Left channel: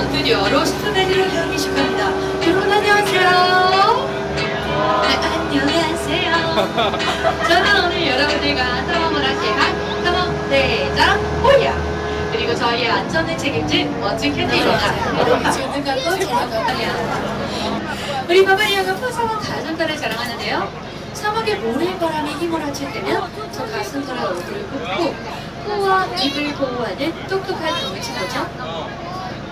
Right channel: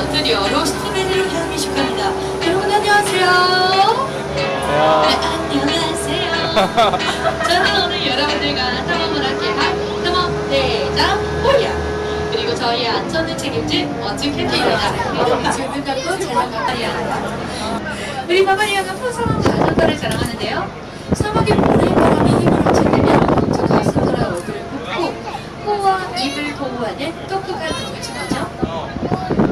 시간 드디어 로스트베리를 시작합니다. 여러분 안녕하세요. 네, 안녕하세요. 저는 오늘 여러분들과 탐험을 함께 할 탐험 대장 호야 그리고 저희 안전을 책임질 멋진 캔디입니다. 질문 갖고 바바리아. 우리 바바리아가 풍성한 가족과를 자랑하는데요. 사막의 모래바람이 힘을 합쳐내면 저 가슴으로 어디를 붓고 코와 입을 보호하는 똑똑한 동물 친구죠.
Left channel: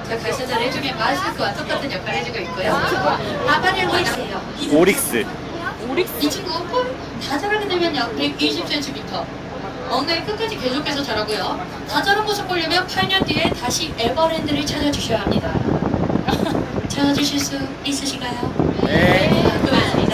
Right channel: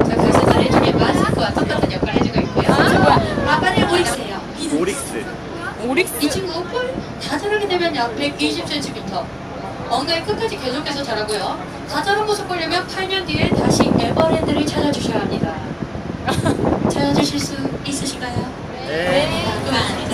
자, 그래서 잘해주면 마스크와 똑같은 역할을 해주고 있고요. 바바리아가 있어요. 오릭스. 이 친구 뿔다 자라게 되면 약 120cm. 엉덩이 끝까지 계속해서 자라고요. 다 자란 모습 보려면 8년 뒤에 다시 에버랜드를 찾아주셔야 합니다. 찾아주실 수 있으신가요? 네. 완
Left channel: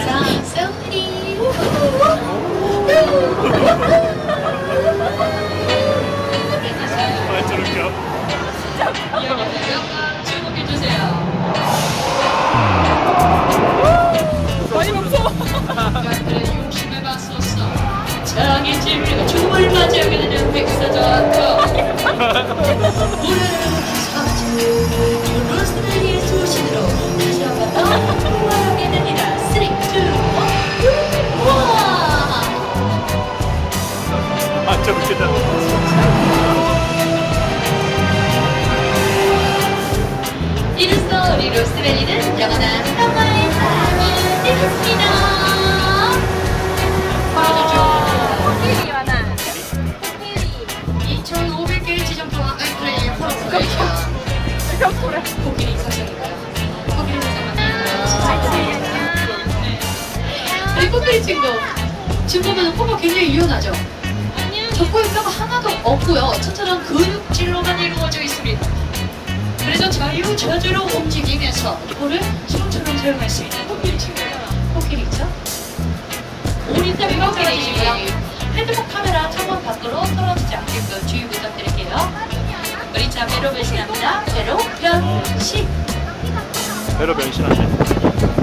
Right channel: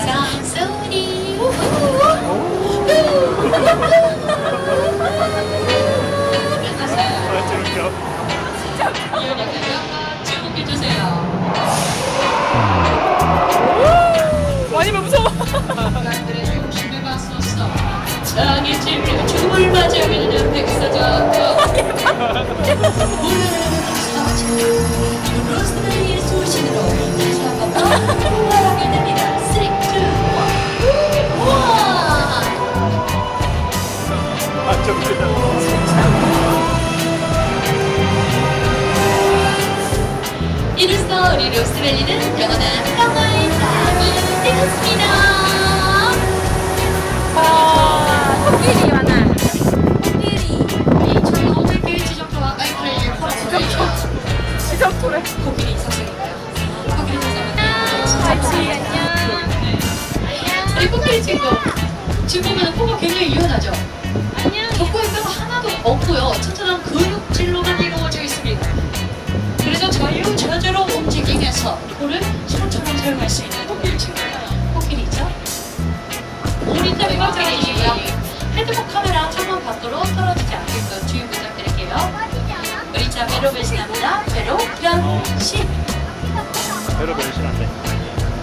완전 웃기다. 이로써 우리 로스트베리는 영원한 평화의 땅이 되었습니다. 코끼리 많아. 2,500개의 지점토와 아이스크림을 퍼주고 지점토래. 코끼리 인상적인가요? 같이. 친구 지금 보면 코가 굉장히 유연하죠? 없고요. 튼튼한 근육질로만 이루어져 있습니다. 그래서 자유자재로 움직이면서 코를 손처럼 사용할 수 있는 코끼리 코끼리죠? 우리 때문에 코끼리 친구요 핸드폰 카메라 창문 밖으로 떨어지지 않게끔 주의 부탁드릴게요. 우리 자 배로 변신합니다. 배로 변신. 배로. 저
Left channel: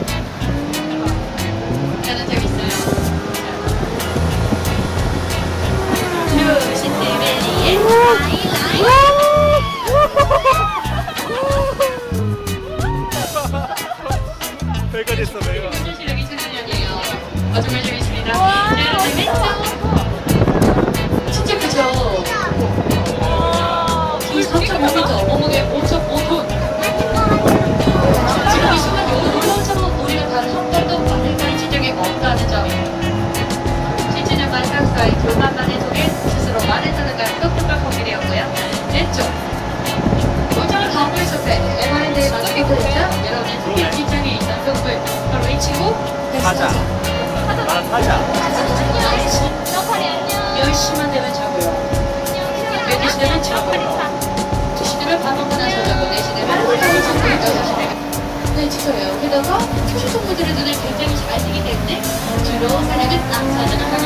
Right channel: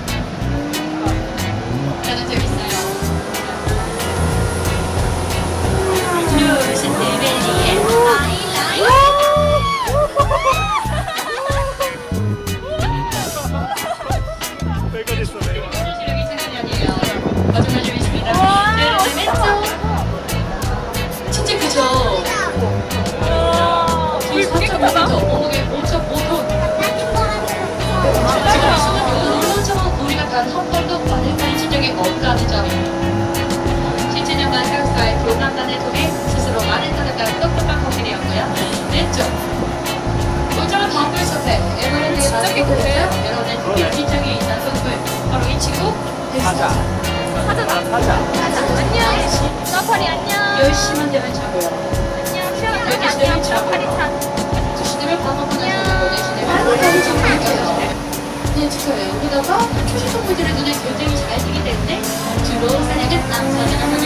정말 재밌습니다. 여러분, 왼쪽. 진짜 크죠? 이 타자. 안녕. 서퍼리 안녕. 10시만 되면 자고요. 12시 되면 자고. 2시 되면 밥 먹고 나서 자고. 4시 되면 있다가 되면 네, 진짜요. 여기다가 초식 동물들의 눈을 굉장히 잘 뜨기 때문에 주로 사냥은 암사자를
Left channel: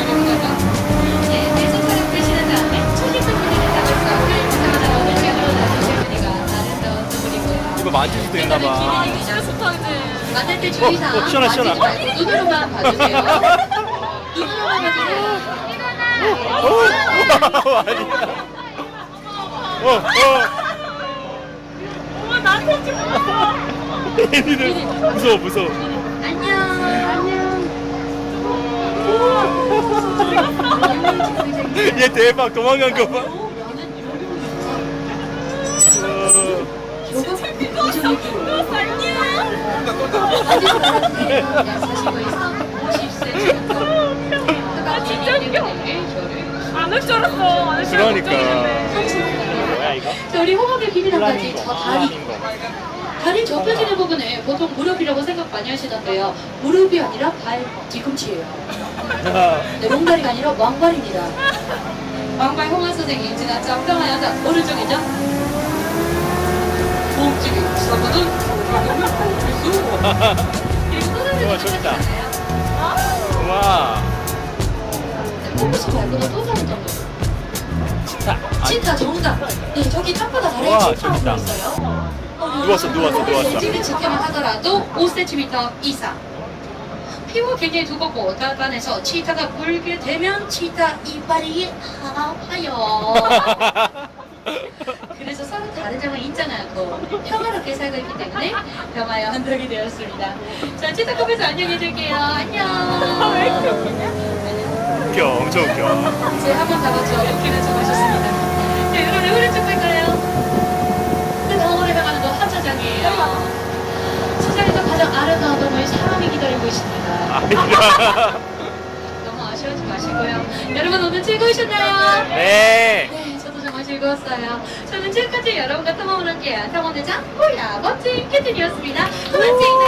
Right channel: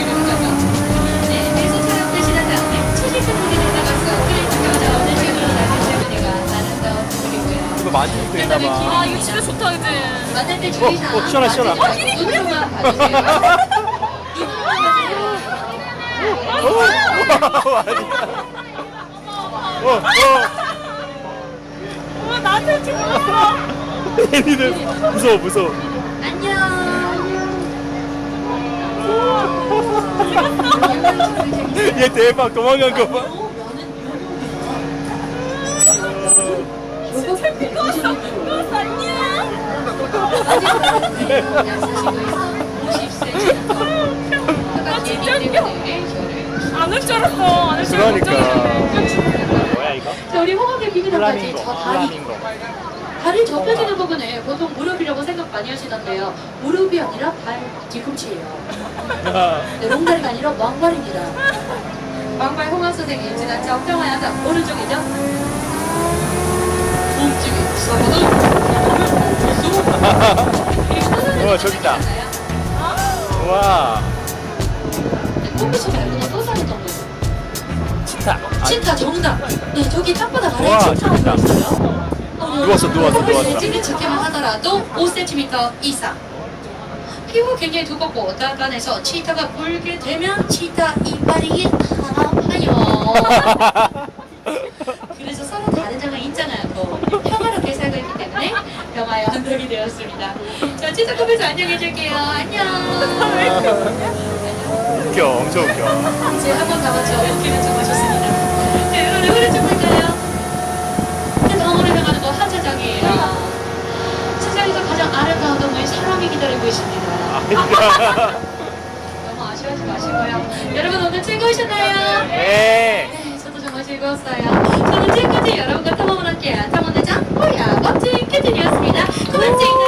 이거 만질 수도 있나 봐. 이거 싫어 스톤즈. 만들 때 어, 주의사항 어, 시원하. 만지지 말고 눈으로만 봐주세요. 눈으로만 봐주세요. 어? 아니야. 어, 어. 어머 나한테 찍어. 애니는 무서워, 무서워. 안녕. 얘 대박, 도망간 거 봐. 안올 줄 알았어. 안올 줄 알았어. 그러니까. 뭐야, 이거? 자, 우리 호박의 비밀한까지 플라밍고, 저 다리, 플라밍고. 다리 접혀지는 부분을 보통 무릎이라고 생각 많이 하시던데요. 무릎이 아니라 발 뒤꿈치예요. 아, 네, 롱다리가 아니라 왕발입니다. 왕발 홍화 선생님 지난 적당한 여자 오른쪽이죠? 우와, 또 다른 동물. 치타. 치타 정답. 네, 저기 땅바닥 아래에 와, 치타가 재밌다. 있어요. 누웠어, 누웠어, 누웠어. 찌를 지켜만 하더라도 5cm 이상. 피부가 굉장히 두껍고 단단해서 치타가 물게 되면 치타 이빨이 아파요. 다른 점은 있잖아요. 또 평화롭게 살 네, 영화에 되었습니다. 자, 치타코에서 안녕해줄게요. 안녕. 웃겨, 엄청 웃겨. 이제 한번 잡았죠. 웃기는 좀 하셨습니다. 네, 여러분, 노래 좀 할까요? 네, 병원에 나가는 거 한차장이에요. 세상에서 가장 아름다운 동물 사람이 기다리고 있습니다. 너무 아쉬워하지 마시고요. 여러분 오늘 즐거우셨나요? 네. 네, 저도 정말 즐거웠어요. 지금까지 여러분과 탐험을 함께한 탐험대장 호야 멋진 큐틴이었습니다. 고맙습니다.